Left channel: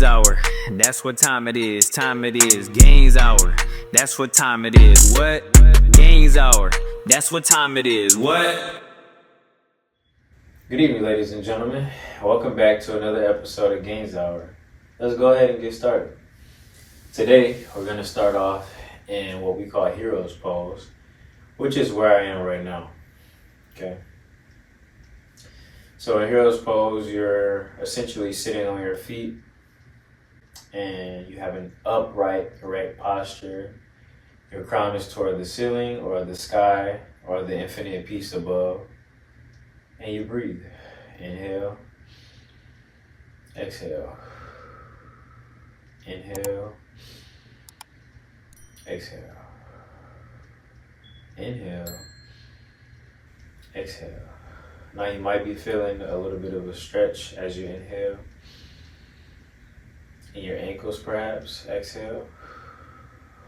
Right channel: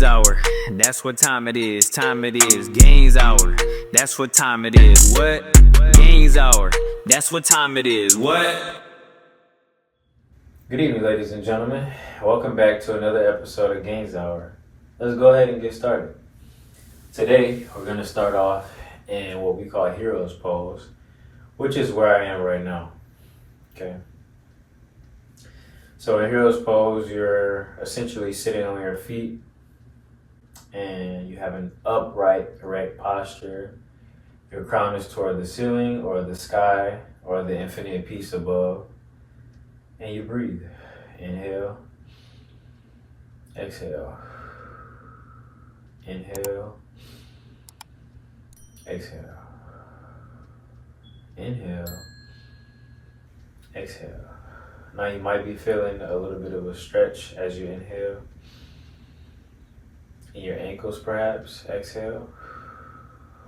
Gainzhr, that's what time it is. Time it is. Gainzhr, that's what time it is. What? Gainzhr, that's what time it is. What? Good evening, ladies and gentlemen. Welcome back to another episode of Gainzhr. Let's go ahead and get started. Today, we're going to start off in what we call hero's pose, which is where I am right now. Okay. So in hero's pose, you're essentially sitting on your feet and you have an upright, erect posture. Your crown is toward the ceiling or the sky or the infinite peace above. And you breathe. Inhale. Exhale. Inhale. Exhale. Inhale. Exhale. Now you might be feeling a little bit of a stretch as you inhale. In your ankles perhaps, exhale.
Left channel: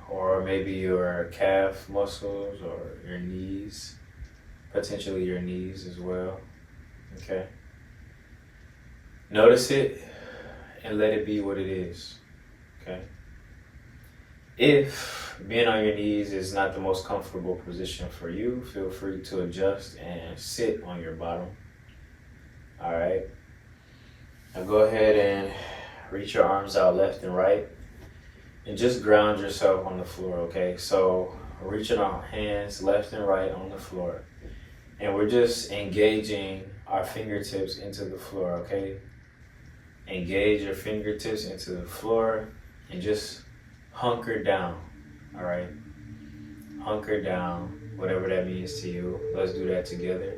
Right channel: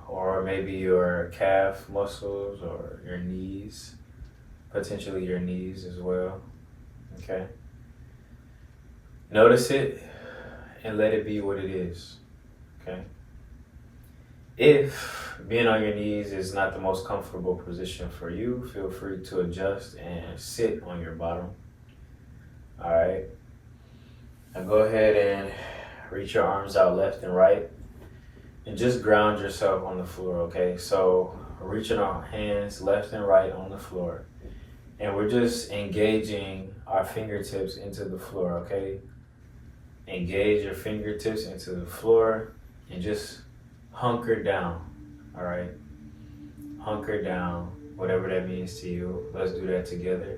Or maybe your calf muscles or your knees. Potentially your knees as well. Okay. Notice it and let it be what it is. Okay. If being on your knees is not the most comfortable position for you, feel free to adjust and sit on your bottom. All right. Now go ahead and reach your arms out left and right and just ground yourself on the floor. Okay. So reaching our hands left and right on the floor. And we're just engaging our fingertips into the floor, okay? Engage your fingertips into the floor and just hunker down, all right? Hunker down, whatever that means to you. Let's do that together.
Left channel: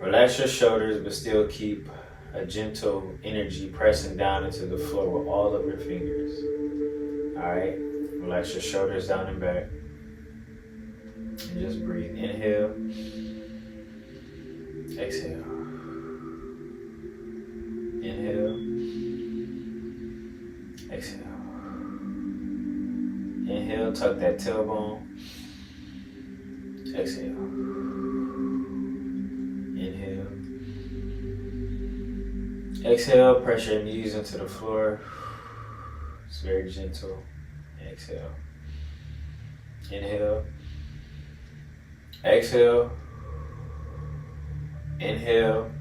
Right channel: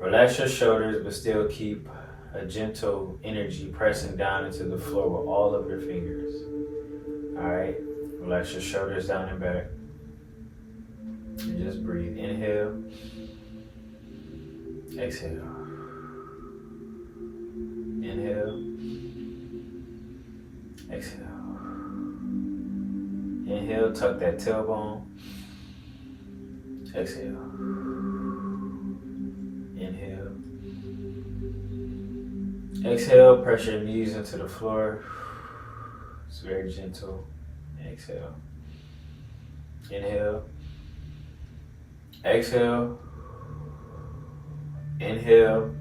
Relax your shoulders, but still keep a gentle energy pressing down into the floor with all of your fingers, all right? Relax your shoulders down and back. And just breathe. Inhale. Exhale. Inhale. Exhale. Inhale, tuck that tailbone. Exhale. Inhale. Exhale, press your knees into the floor. It's very gentle. Exhale. Inhale. Exhale. Inhale,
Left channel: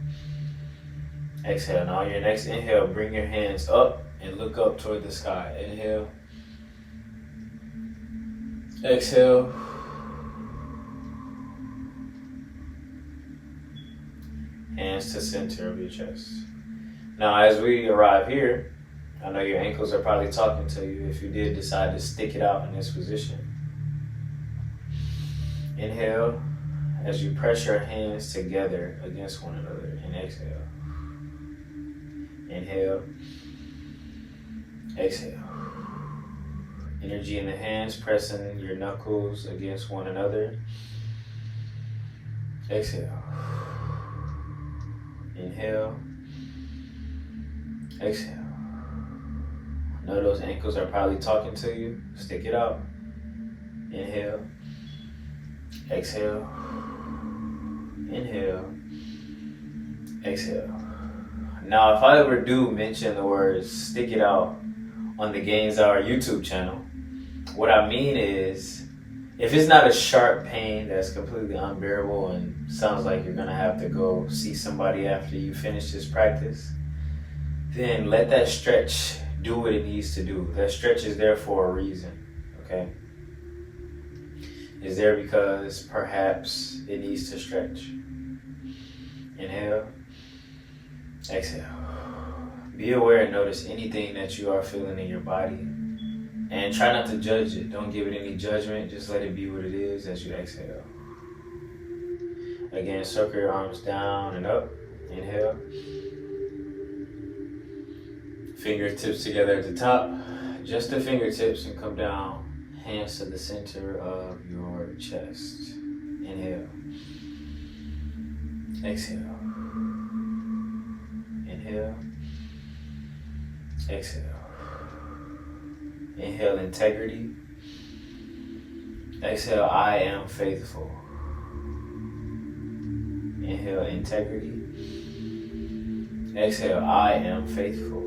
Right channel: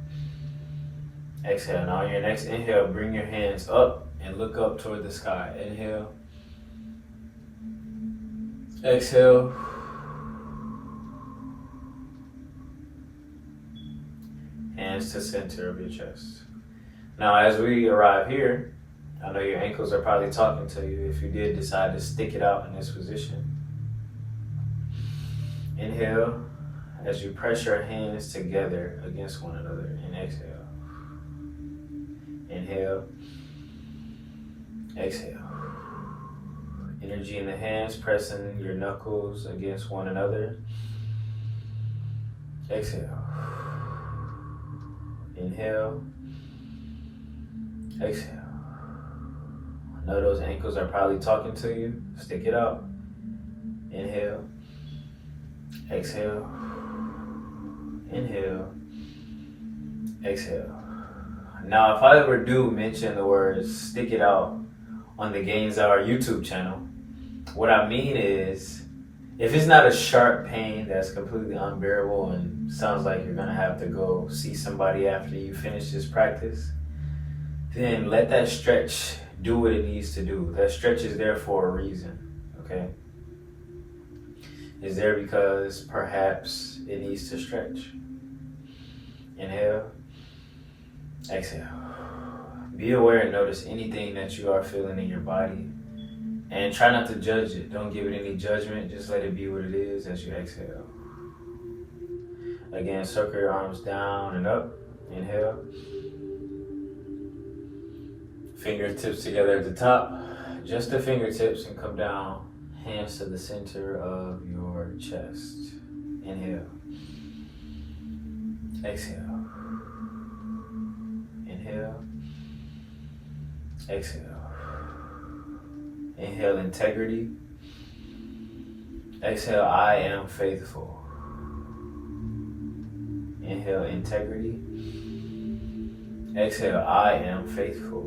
exhale. Now on your next inhale, bring your hands up and look up toward the sky. Inhale, exhale, hands to center of your chest. Now as we arrive here, I know your ankles are probably talking to you if you did decide to stick it out in this position. Inhale. As you press your hands together against one another and exhale. Inhale. Exhale. Energy in the hands, pressing your knuckles against one another. Exhale. Inhale. Exhale. I know those ankles are probably talking to you. Stick it out. Inhale. Exhale. Inhale, exhale. Now, if I ever do mention the words stick it out on the Gainzhr YouTube channel, what I mean is, if it's not a sharp pain that's completely unbearable and sounds like you're gonna have to go see somebody after you finish this practice, then let that stretch do what it needs to do. That stretch is there for a reason, okay? Is there because perhaps it needs to stretch. Inhale, exhale. Be aware and notice anything that you are feeling in your body and try not to judge it. Don't give it any judgment, just let it be what it is as you exhale. Again, circle your arms down and up. Inhale. Fingertips together at the top, just the fingertips, and come down. Hands to the center of your chest. Inhale. Exhale. Inhale. Exhale. Inhale, integrity. Exhale, I am faithful. Inhale, integrity. Exhale, I am faithful.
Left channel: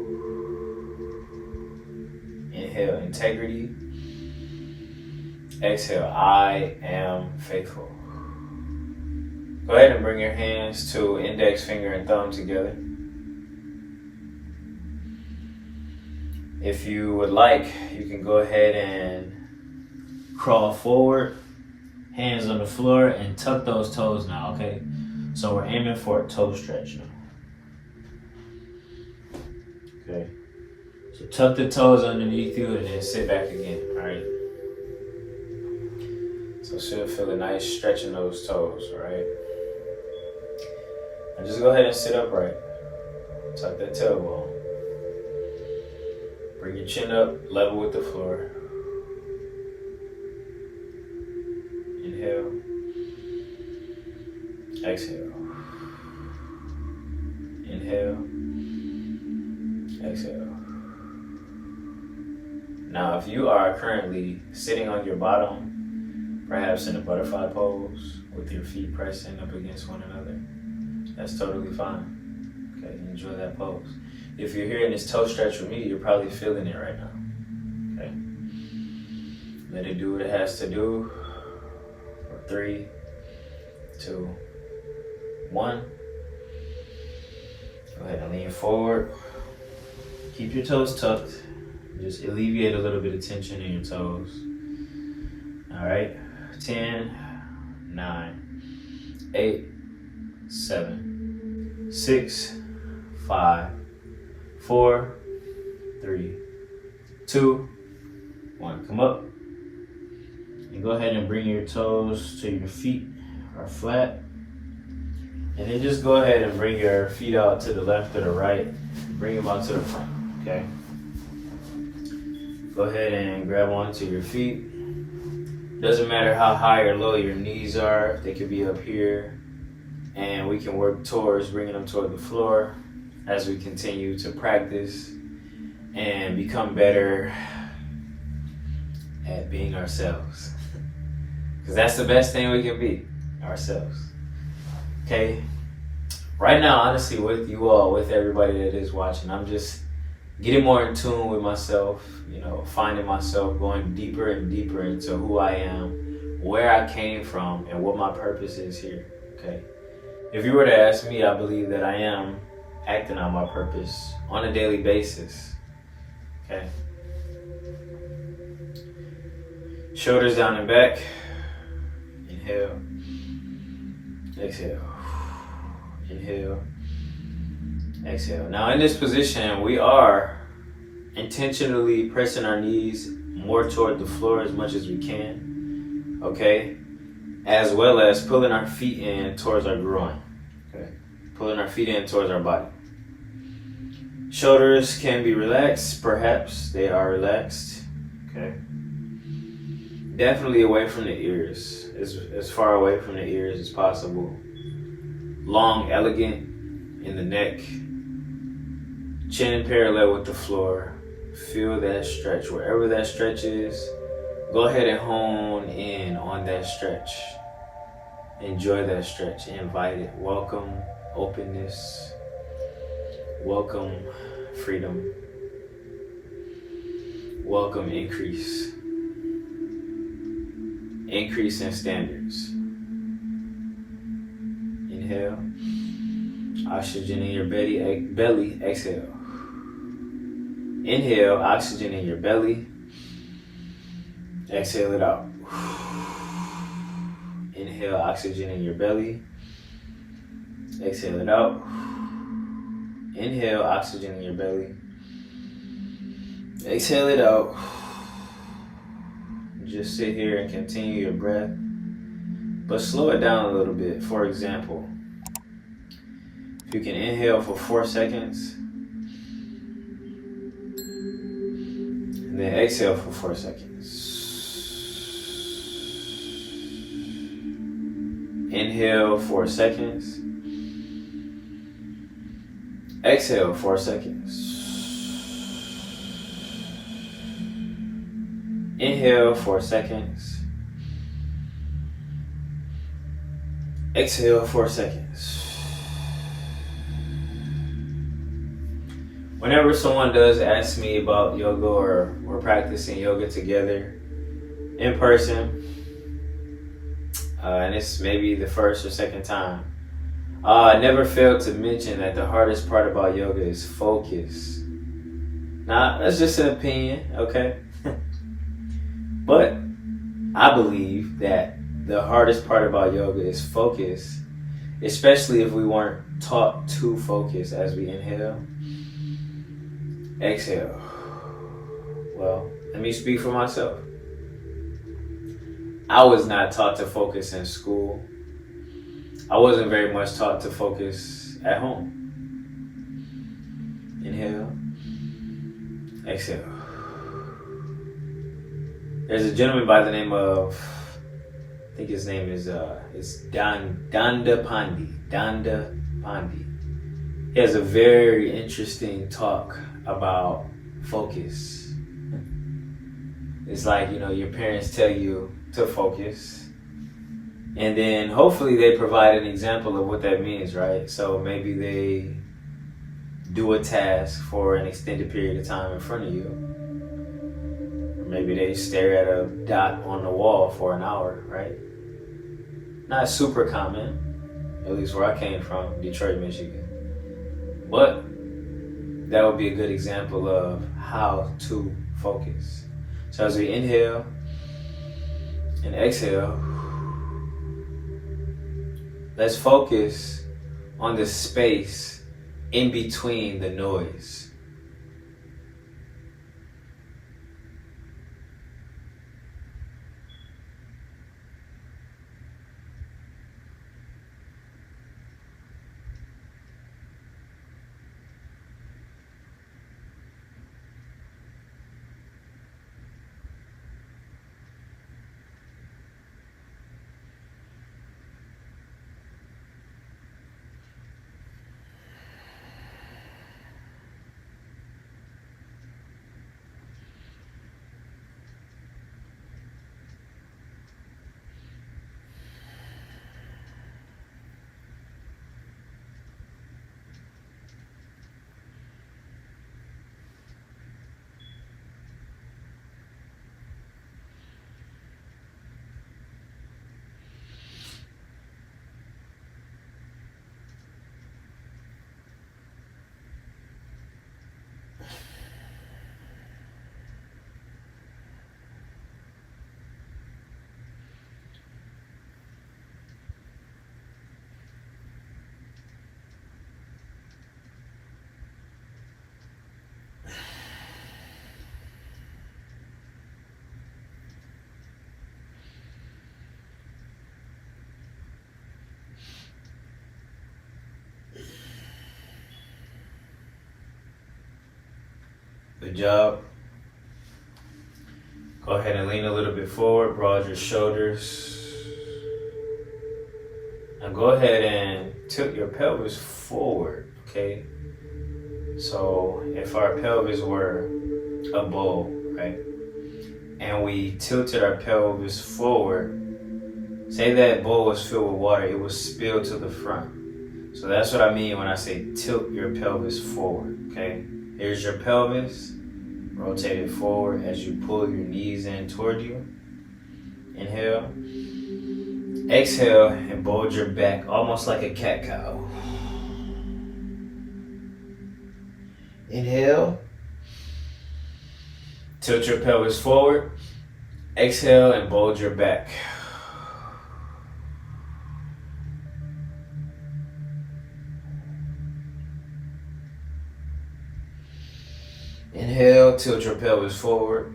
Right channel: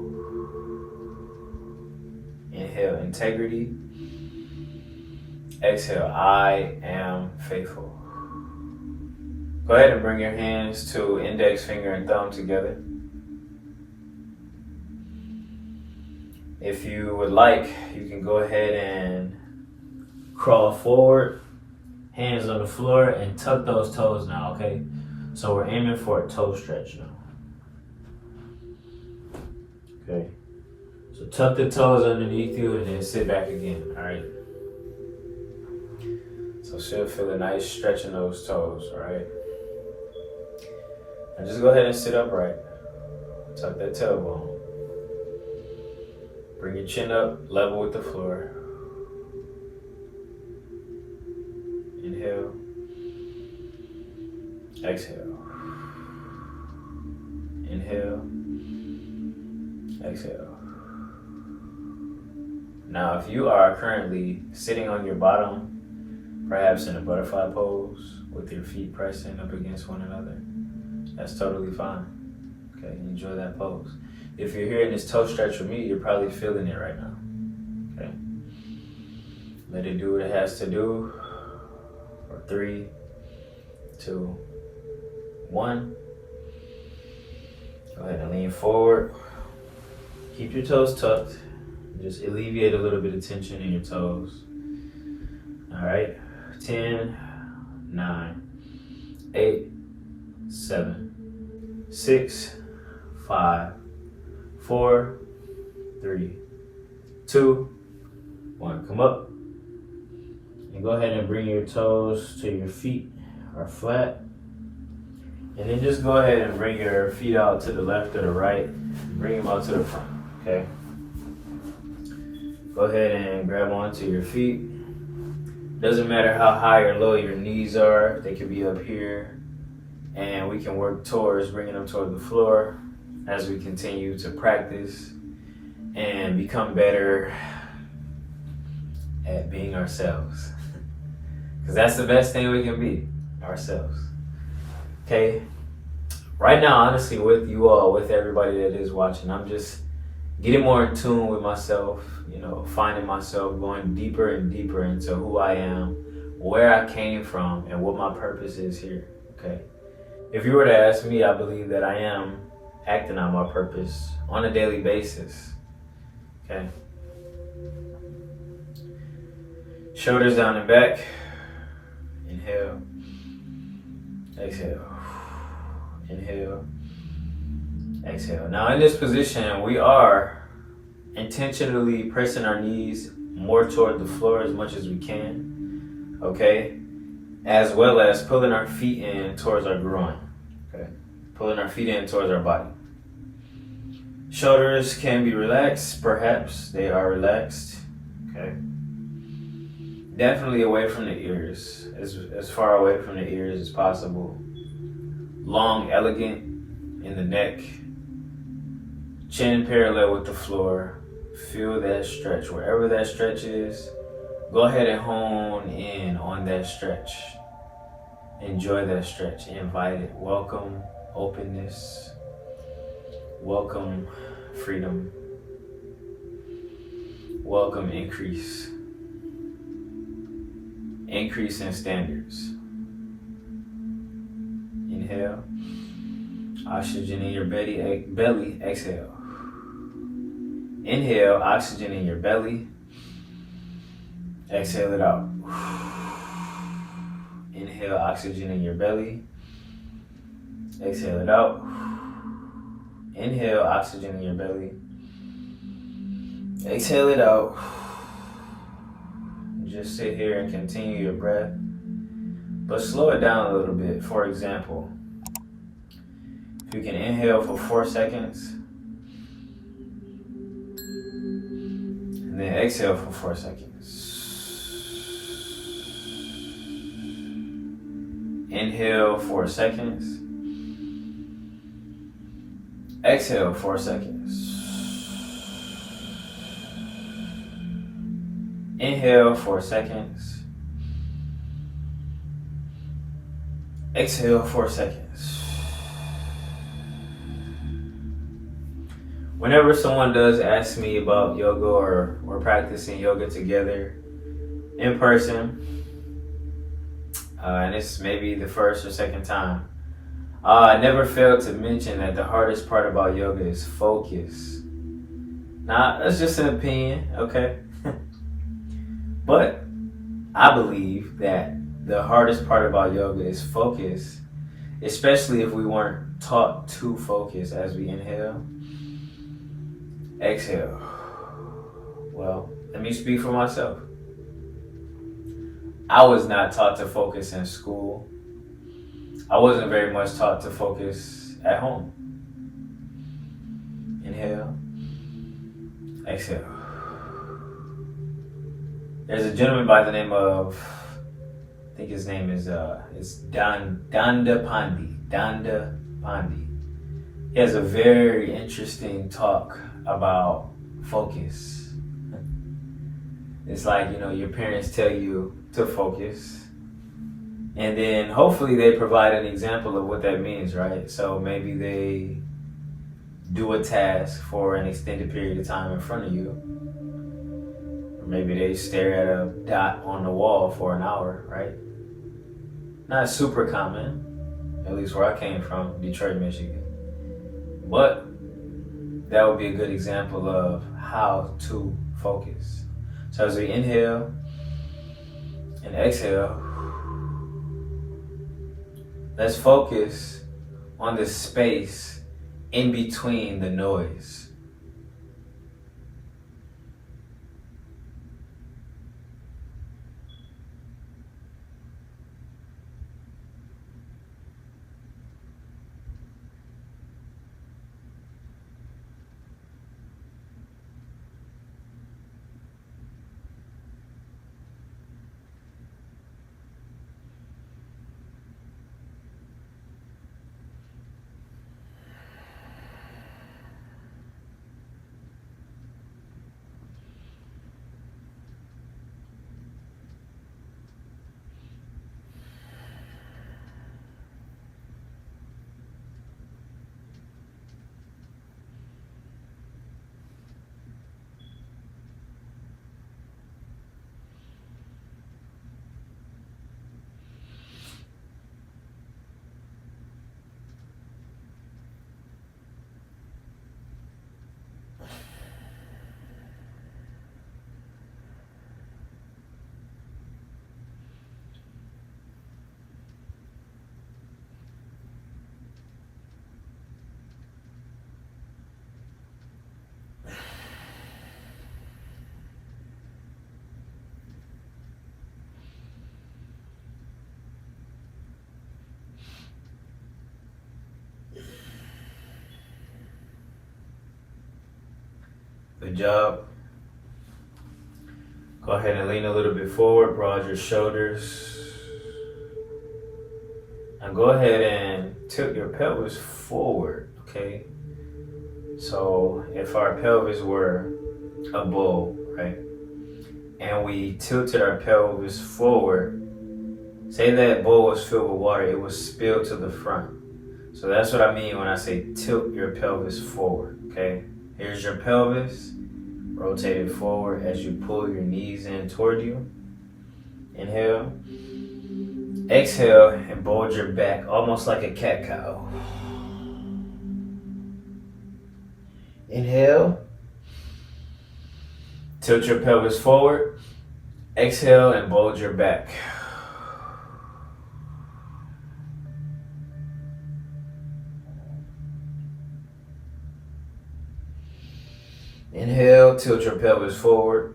Inhale, integrity. Exhale, I am faithful. Go ahead and bring your hands to index finger and thumb together. If you would like, you can go ahead and crawl forward, hands on the floor, and tuck those toes now, okay? So we're aiming for a toe stretch now. Okay. So tuck the toes underneath you and then sit back again, all right? So should feel a nice stretch in those toes, all right? And just go ahead and sit upright. Tuck that tailbone. Bring your chin up, level with the floor. Inhale. Exhale. Inhale. Exhale. Now, if you are currently sitting on your bottom, perhaps in a butterfly pose, with your feet pressing up against one another, that's totally fine. Okay, enjoy that pose. If you're hearing this toe stretch with me, you're probably feeling it right now. Okay, let it do what it has to do. For 3, 2, 1. Go ahead and lean forward. Keep your toes tucked. Just alleviate a little bit of tension in your toes. All right, 10, 9, 8, 7, 6, 5, 4, 3, 2, 1. Come up. And go ahead and bring your toes to your feet are flat. And then just go ahead and bring your feet out to the left or the right. Bring them out to the front, okay? Go ahead and grab onto your feet. Doesn't matter how high or low your knees are. They could be up here. And we can work towards bringing them toward the floor as we continue to practice and become better at being ourselves. Because that's the best thing we can be, ourselves. Okay? Right now, honestly, with you all, with everybody that is watching, I'm just getting more in tune with myself, you know, finding myself, going deeper and deeper into who I am, where I came from, and what my purpose is here, okay? If you were to ask me, I believe that I am acting out my purpose on a daily basis, okay? Shoulders down and back. Inhale. Exhale. Inhale. Exhale. Now in this position, we are intentionally pressing our knees more toward the floor as much as we can, okay? As well as pulling our feet in towards our groin, okay? Pulling our feet in towards our body. Shoulders can be relaxed, perhaps they are relaxed, okay? Definitely away from the ears, as far away from the ears as possible. Long, elegant in the neck. Chin parallel with the floor. Feel that stretch. Wherever that stretch is, go ahead and hone in on that stretch. Enjoy that stretch. Invite it. Welcome openness. Welcome freedom. Welcome increase. Increase in standards. Inhale. Oxygen in your belly. Exhale. Inhale, oxygen in your belly. Exhale it out. Inhale, oxygen in your belly. Exhale it out. Inhale, oxygen in your belly. Exhale it out. Just sit here and continue your breath. But slow it down a little bit. For example, if you can inhale for 4 seconds, and then exhale for 4 seconds. Inhale 4 seconds. Exhale 4 seconds. Inhale 4 seconds. Exhale 4 seconds. Whenever someone does ask me about yoga or we're practicing yoga together in person, and it's maybe the first or second time, I never failed to mention that the hardest part about yoga is focus. Now, that's just an opinion, okay? But I believe that the hardest part about yoga is focus, especially if we weren't taught to focus as we inhale, exhale. Well, let me speak for myself. I was not taught to focus in school. I wasn't very much taught to focus at home. Inhale, exhale. There's a gentleman by the name of, I think his name is Danda Pandi. He has a very interesting talk about focus. It's like, your parents tell you to focus, and then hopefully they provide an example of what that means, right? So maybe they do a task for an extended period of time in front of you. Or maybe they stare at a dot on the wall for an hour, right? Not super common, at least where I came from, Detroit, Michigan. But that would be a good example of how to focus. So as we inhale and exhale, let's focus on the space in between the noise. Good job. Go ahead and lean a little bit forward, broad your shoulders. And go ahead and tilt your pelvis forward, okay? So if our pelvis were a bowl, right? And we tilted our pelvis forward, say that bowl was filled with water, it would spill to the front. So that's what I mean when I say tilt your pelvis forward, okay? Here's your pelvis. Rotate it forward as you pull your knees in toward you. Inhale. Exhale and bulge your back almost like a cat-cow. Inhale. Tilt your pelvis forward. Exhale and bulge your back. Inhale, tilt your pelvis forward.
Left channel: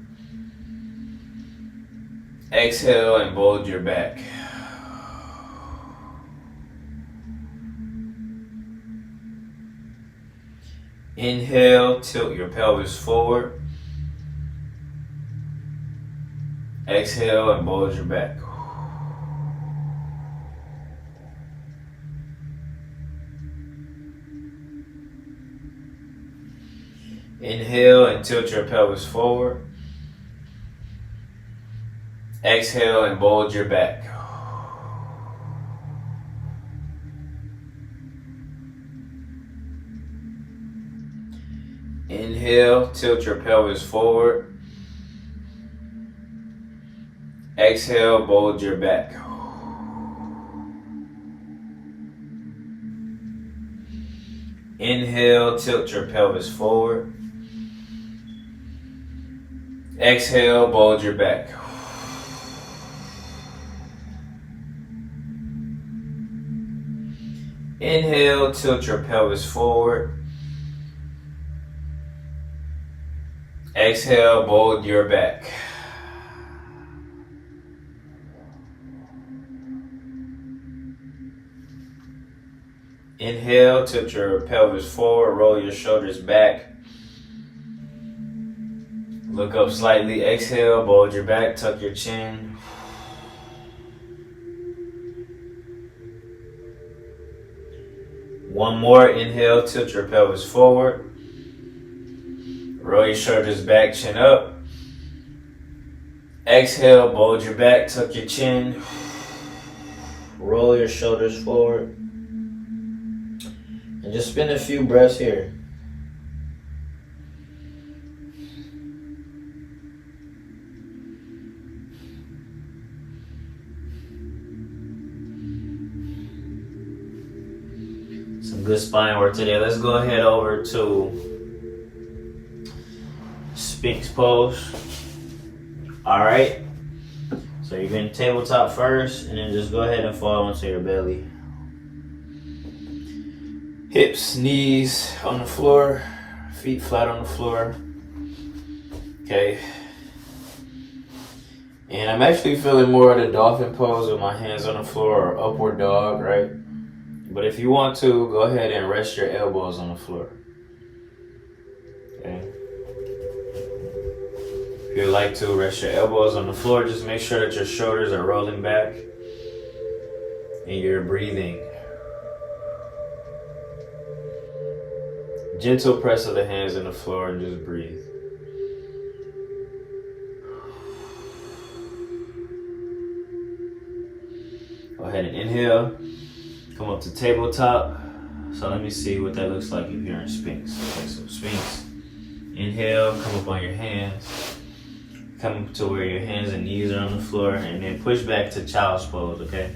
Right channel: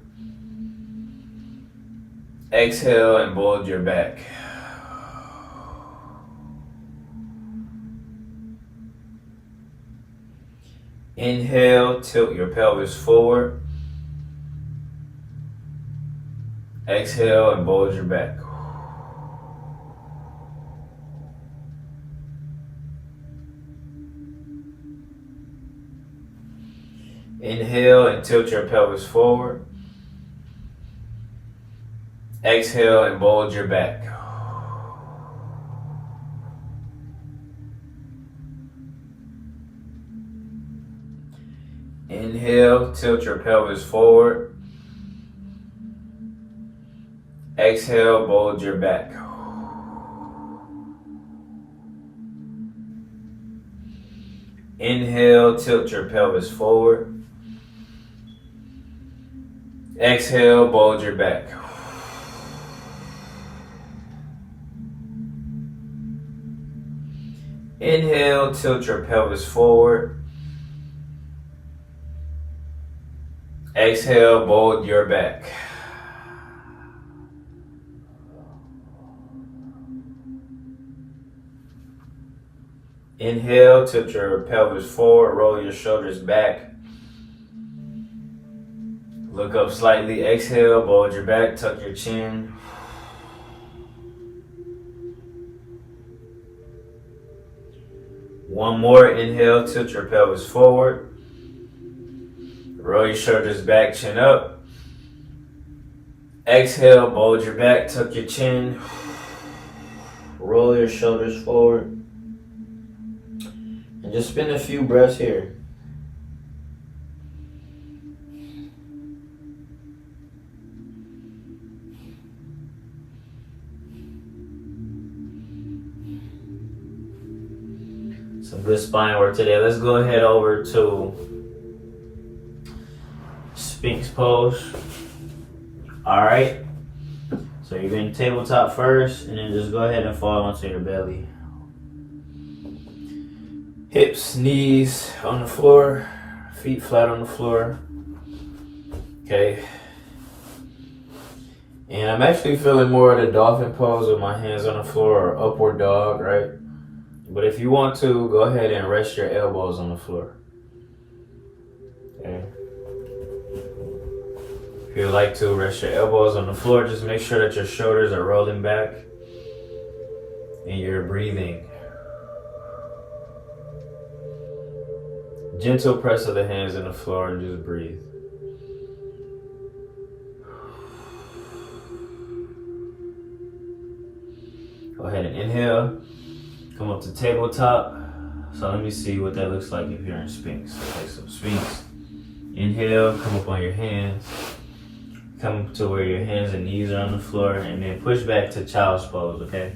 Exhale and bulge your back. Inhale, tilt your pelvis forward. Exhale and bulge your back. Inhale and tilt your pelvis forward. Exhale and bulge your back. Inhale, tilt your pelvis forward. Exhale, bulge your back. Inhale, tilt your pelvis forward. Exhale, bulge your back. Inhale, tilt your pelvis forward. Exhale, bulge your back. Inhale, tilt your pelvis forward, roll your shoulders back. Look up slightly, exhale, bulge your back, tuck your chin. One more, inhale, tilt your pelvis forward. Roll your shoulders back, chin up. Exhale, bulge your back, tuck your chin. Roll your shoulders forward. And just spin a few breaths here. Some good spine work today. Let's go ahead over to Sphinx pose. All right. So you're going to tabletop first, and then just go ahead and fall onto your belly. Hips, knees on the floor, feet flat on the floor. Okay. And I'm actually feeling more of the dolphin pose with my hands on the floor, or upward dog, right? But if you want to, go ahead and rest your elbows on the floor. Okay. If you'd like to, rest your elbows on the floor. Just make sure that your shoulders are rolling back and you're breathing. Gentle press of the hands on the floor and just breathe. Go ahead and inhale. Come up to tabletop. So let me see what that looks like if you're in Sphinx. Okay, so Sphinx. Inhale, come up on your hands. Come up to where your hands and knees are on the floor, and then push back to child's pose, okay?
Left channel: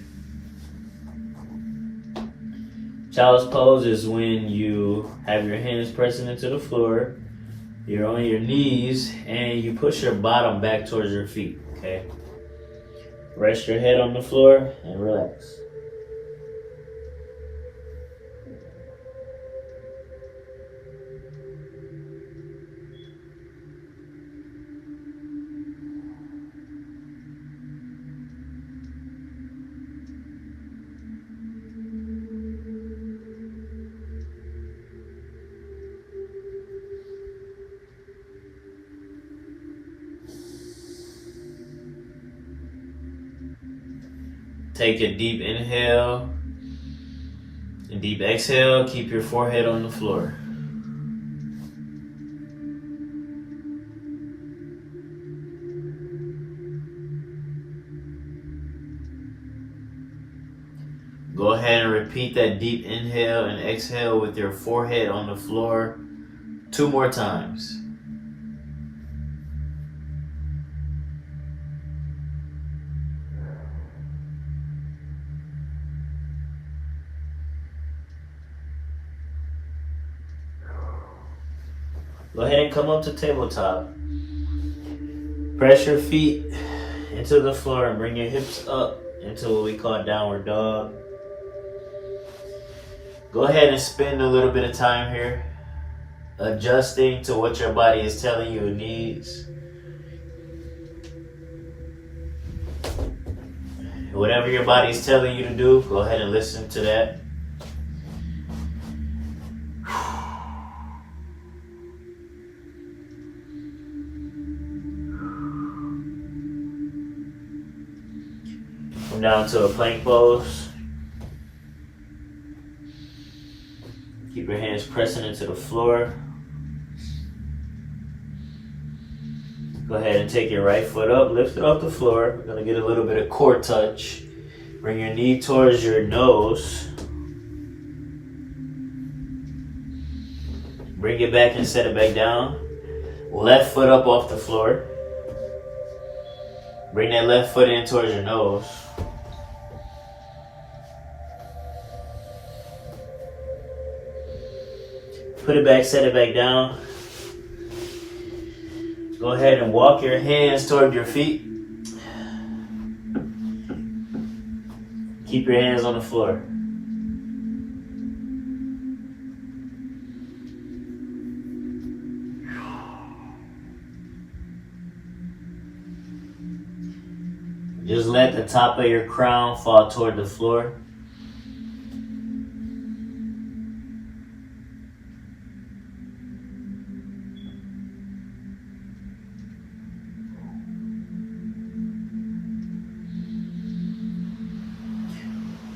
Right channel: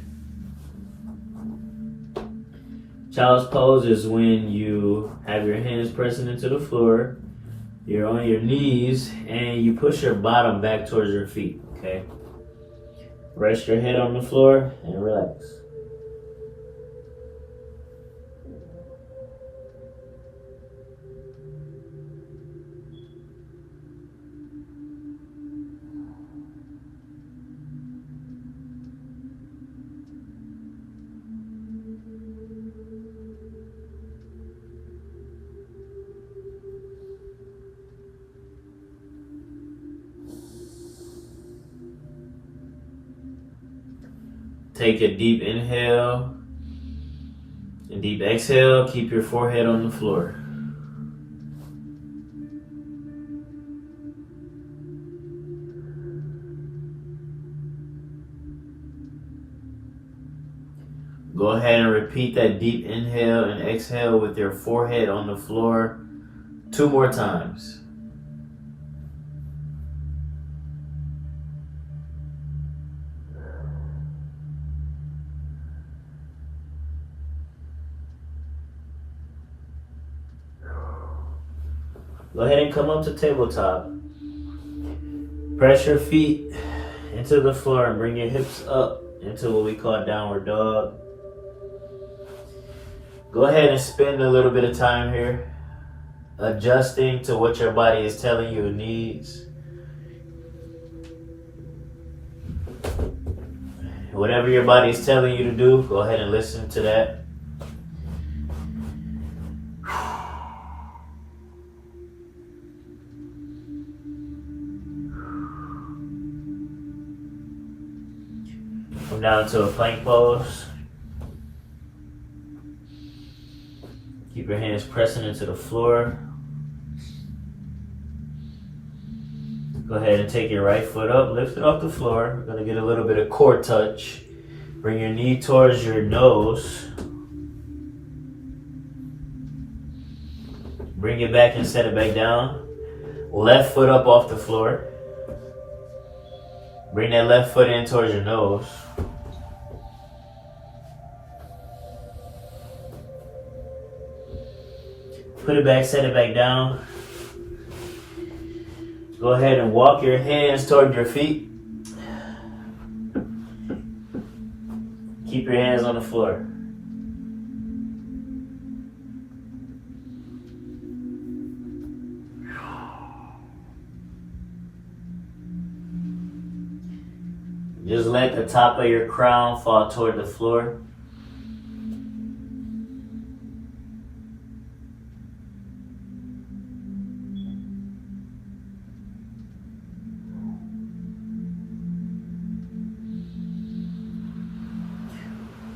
Child's pose is when you have your hands pressing into the floor, you're on your knees, and you push your bottom back towards your feet, okay? Rest your head on the floor and relax. Take a deep inhale and deep exhale. Keep your forehead on the floor. Go ahead and repeat that deep inhale and exhale with your forehead on the floor 2 more times. Go ahead and come up to tabletop. Press your feet into the floor and bring your hips up into what we call downward dog. Go ahead and spend a little bit of time here, adjusting to what your body is telling you it needs. Whatever your body is telling you to do, go ahead and listen to that. Come down to a plank pose. Keep your hands pressing into the floor. Go ahead and take your right foot up, lift it off the floor. We're gonna get a little bit of core touch. Bring your knee towards your nose. Bring it back and set it back down. Left foot up off the floor. Bring that left foot in towards your nose. Put it back, set it back down. Go ahead and walk your hands toward your feet. Keep your hands on the floor. Just let the top of your crown fall toward the floor.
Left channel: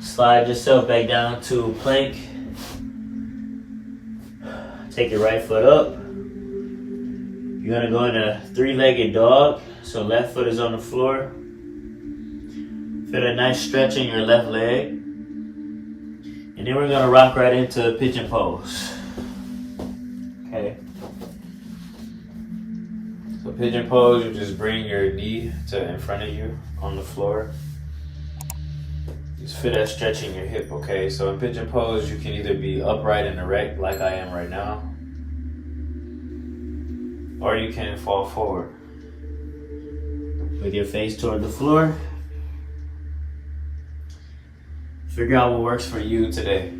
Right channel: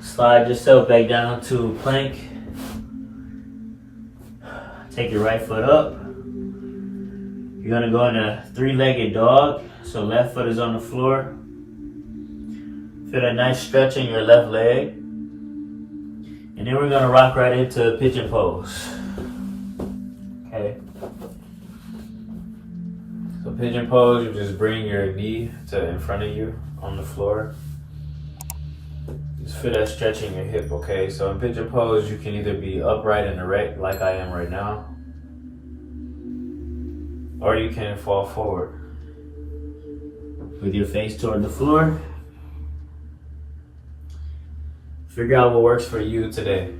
Slide yourself back down to plank. Take your right foot up. You're gonna go in a three-legged dog. So left foot is on the floor. Feel a nice stretch in your left leg. And then we're gonna rock right into pigeon pose. Okay. So pigeon pose, you just bring your knee to in front of you on the floor. Just feel that stretch in your hip, okay? So in pigeon pose, you can either be upright and erect like I am right now, or you can fall forward with your face toward the floor. Figure out what works for you today.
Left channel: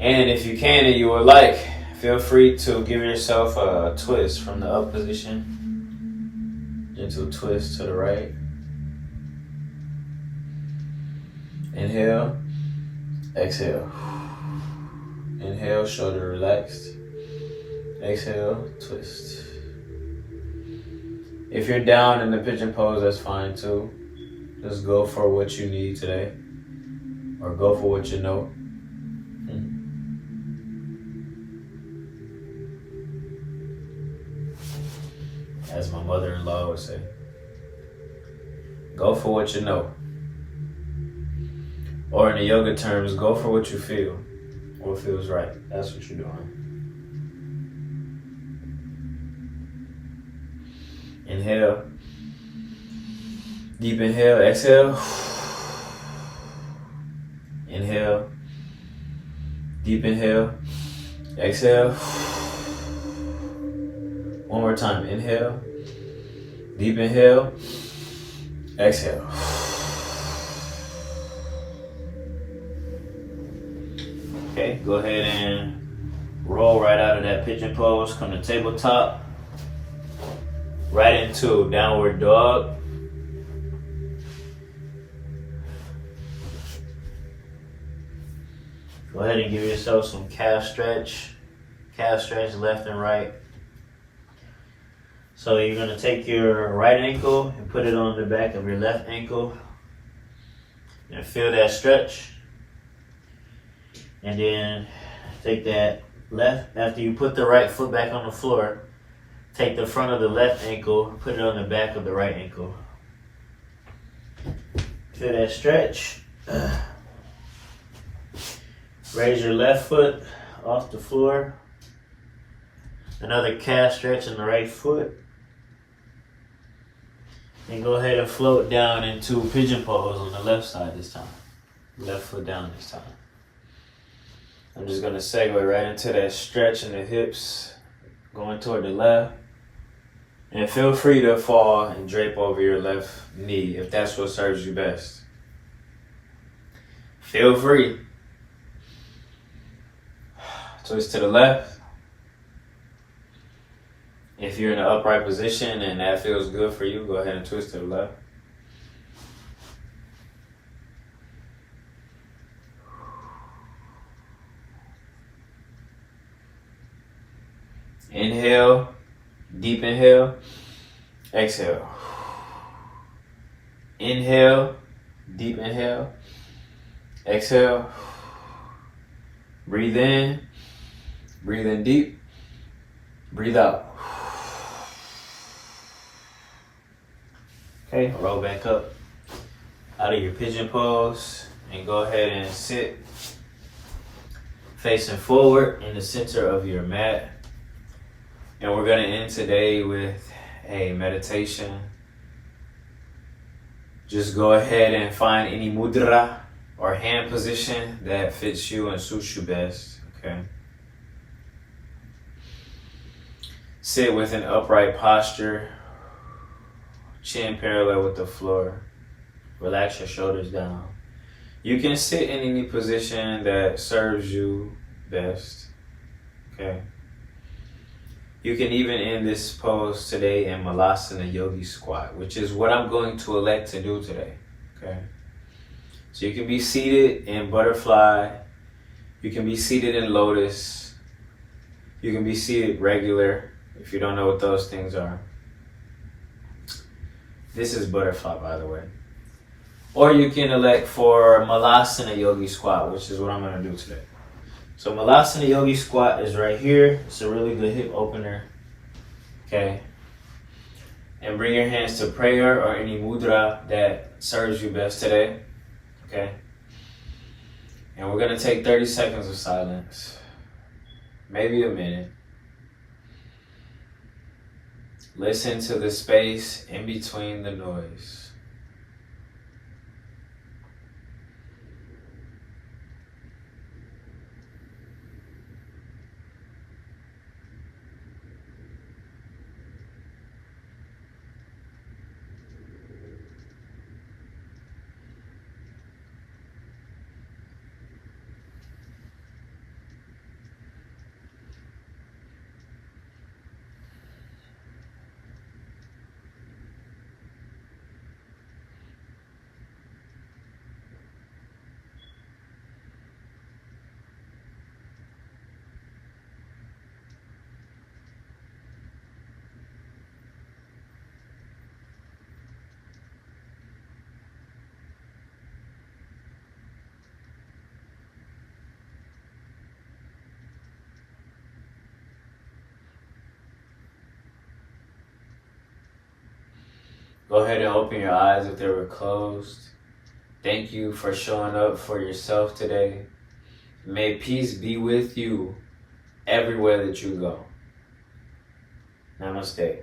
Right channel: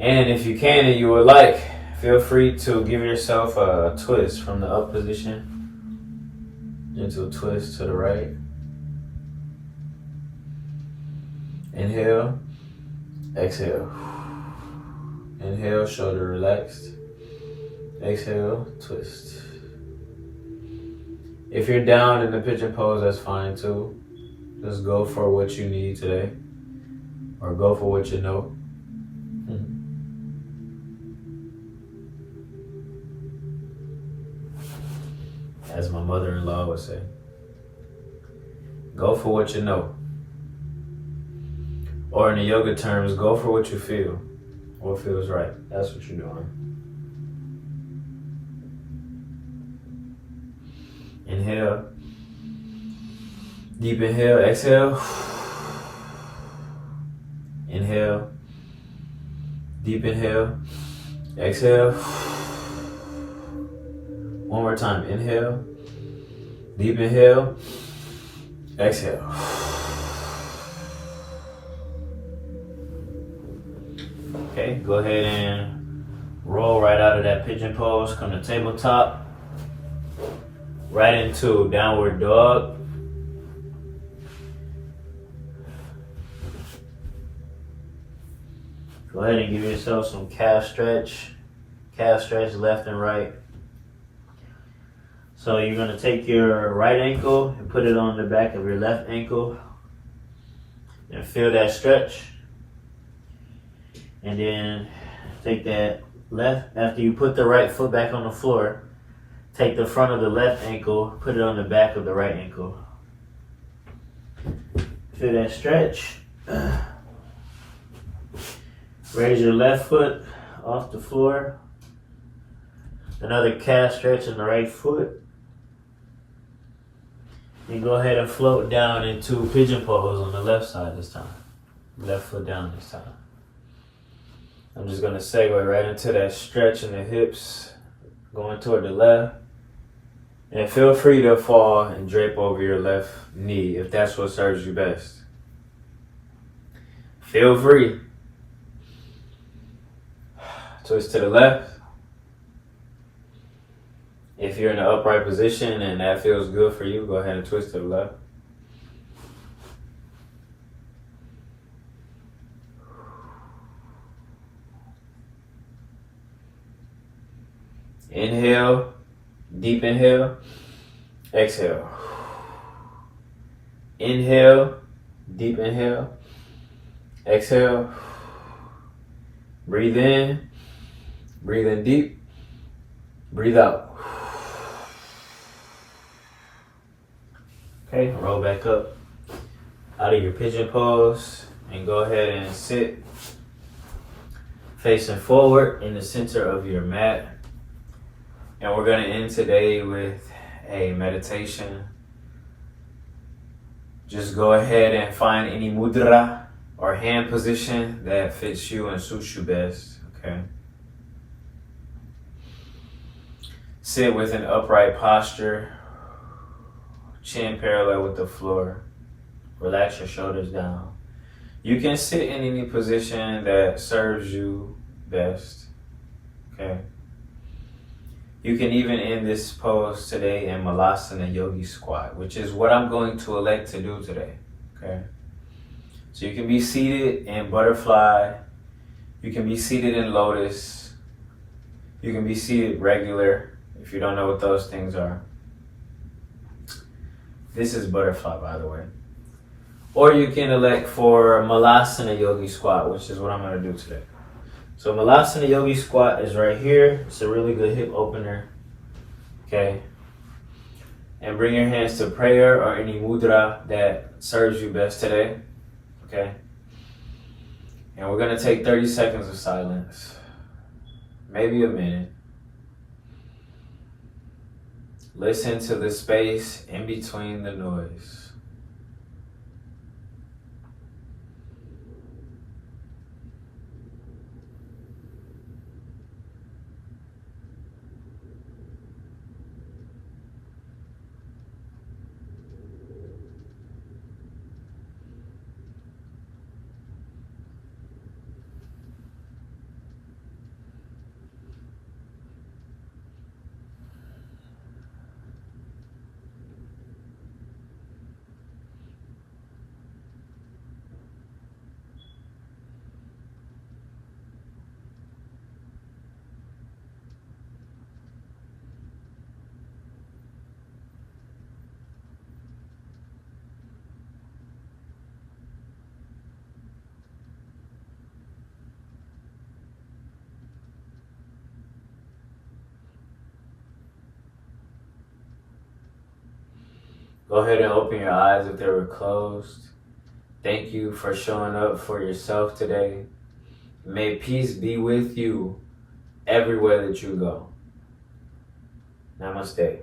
And if you can and you would like, feel free to give yourself a twist from the up position into a twist to the right. Inhale, exhale. Inhale, shoulder relaxed. Exhale, twist. If you're down in the pigeon pose, that's fine too. Just go for what you need today, or go for what you know. As my mother-in-law would say, go for what you know. Or in the yoga terms, go for what you feel, what feels right. That's what you're doing. Inhale. Deep inhale, exhale. Inhale. Deep inhale, exhale. One more time. Inhale. Deep inhale, exhale. Okay, go ahead and roll right out of that pigeon pose. Come to tabletop. Right into downward dog. Go ahead and give yourself some calf stretch. Calf stretch left and right. So you're going to take your right ankle and put it on the back of your left ankle. And feel that stretch. And then take that left, after you put the right foot back on the floor, take the front of the left ankle, put it on the back of the right ankle. Feel that stretch. Raise your left foot off the floor. Another calf stretch in the right foot. And go ahead and float down into pigeon pose on the left side this time. Left foot down this time. I'm just going to segue right into that stretch in the hips, going toward the left. And feel free to fall and drape over your left knee if that's what serves you best. Feel free. Twist to the left. If you're in an upright position and that feels good for you, go ahead and twist to the left. Inhale, deep inhale, exhale. Inhale, deep inhale, exhale. Breathe in deep, breathe out. Okay, roll back up out of your pigeon pose and go ahead and sit. facing forward in the center of your mat. And we're going to end today with a meditation. Just go ahead and find any mudra or hand position that fits you and suits you best, okay? Sit with an upright posture, chin parallel with the floor. Relax your shoulders down. You can sit in any position that serves you best, okay? You can even end this pose today in Malasana Yogi Squat, which is what I'm going to elect to do today, okay? So you can be seated in butterfly, you can be seated in lotus, you can be seated regular, if you don't know what those things are. This is butterfly, by the way. Or you can elect for Malasana Yogi Squat, which is what I'm going to do today. So Malasana Yogi Squat is right here. It's a really good hip opener. Okay. And bring your hands to prayer or any mudra that serves you best today. Okay. And we're going to take 30 seconds of silence. Maybe a minute. Listen to the space in between the noise. Go ahead and open your eyes if they were closed. Thank you for showing up for yourself today. May peace be with you everywhere that you go. Namaste.